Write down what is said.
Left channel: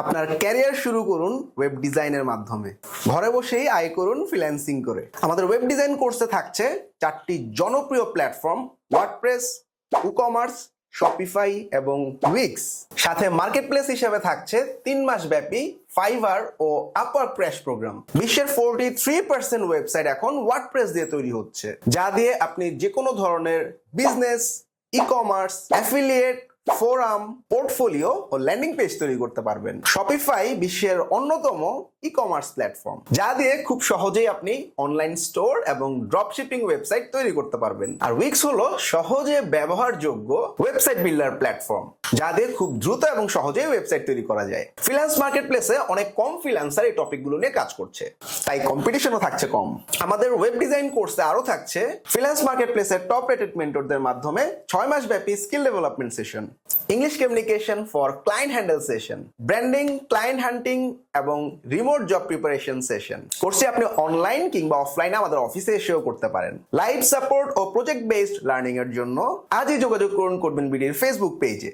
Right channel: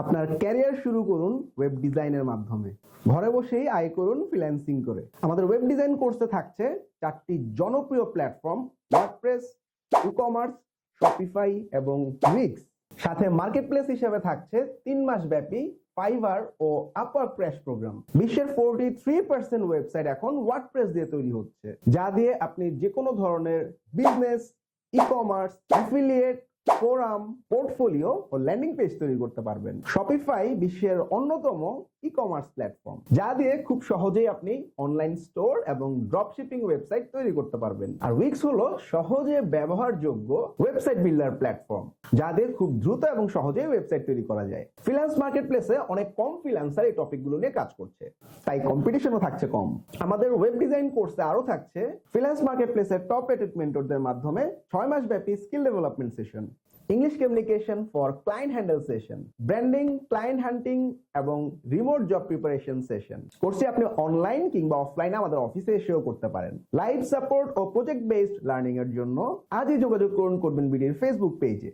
আপনার ক্যারিয়ার শুরু করুন ওয়েব ডিজাইনের মাধ্যমে। ঘরে বসেই আয় করুন ফ্রিল্যান্সিং করে। আমাদের ওয়েব ডিজাইন কোর্সে থাকছে 4টি জনপ্রিয় প্ল্যাটফর্ম ওয়ার্ডপ্রেস, ই-কমার্স, শপিফাই এবং উইক্স। সাথে মার্কেটপ্লেস হিসেবে থাকছে 3 মাস ব্যাপী ফাইবার ও আপওয়ার্ক ক্র্যাশ প্রোগ্রাম। বিশ্বের 43% ওয়েবসাইট এখন ওয়ার্ডপ্রেস দিয়ে তৈরি হচ্ছে, যা দিয়ে আপনি যে কোনো ধরনের business, e-commerce, affiliate, forum, portfolio ও ল্যান্ডিং পেজ তৈরি করতে পারবেন। শপিফাই বিশ্বের অন্যতম ই-কমার্স প্ল্যাটফর্ম, যা দিয়ে খুব সহজেই আপনি অনলাইন স্টোর এবং ড্রপশিপিং ওয়েবসাইট তৈরি করতে পারবেন। আর উইক্স হলো সহজে ব্যবহারযোগ্য ওয়েবসাইট বিল্ডার প্ল্যাটফর্ম, যা দিয়ে খুব দ্রুত এবং সহজেই ওয়েবসাইট তৈরি করা যায়। ফ্রিল্যান্স মার্কেটপ্লেসে অনেক কম ফ্রিল্যান্সার এই টপিকগুলো নিয়ে কাজ করছে, তাই কম্পিটিশনও থাকছে কম। আমাদের ওয়েব ডিজাইন কোর্সে আরো থাকছে ফ্রিল্যান্স মার্কেটপ্লেসের টপ রেটেড মেন্টরদের মাধ্যমে 6 মাস ব্যাপী skill development session, English communication for client handle session, branding, client হান্টিং এবং রিমোট জব প্রিপারেশন সেশন। কোর্সে আপনি অনলাইন কিংবা অফলাইনে আমাদের অফিসে এসেও করতে পারেন। লাইভ সাপোর্ট ও প্রজেক্ট বেসড লার্নিং এর জন্য আজই যোগাযোগ করুন করবেন বিডির ফেসবুক পেজে।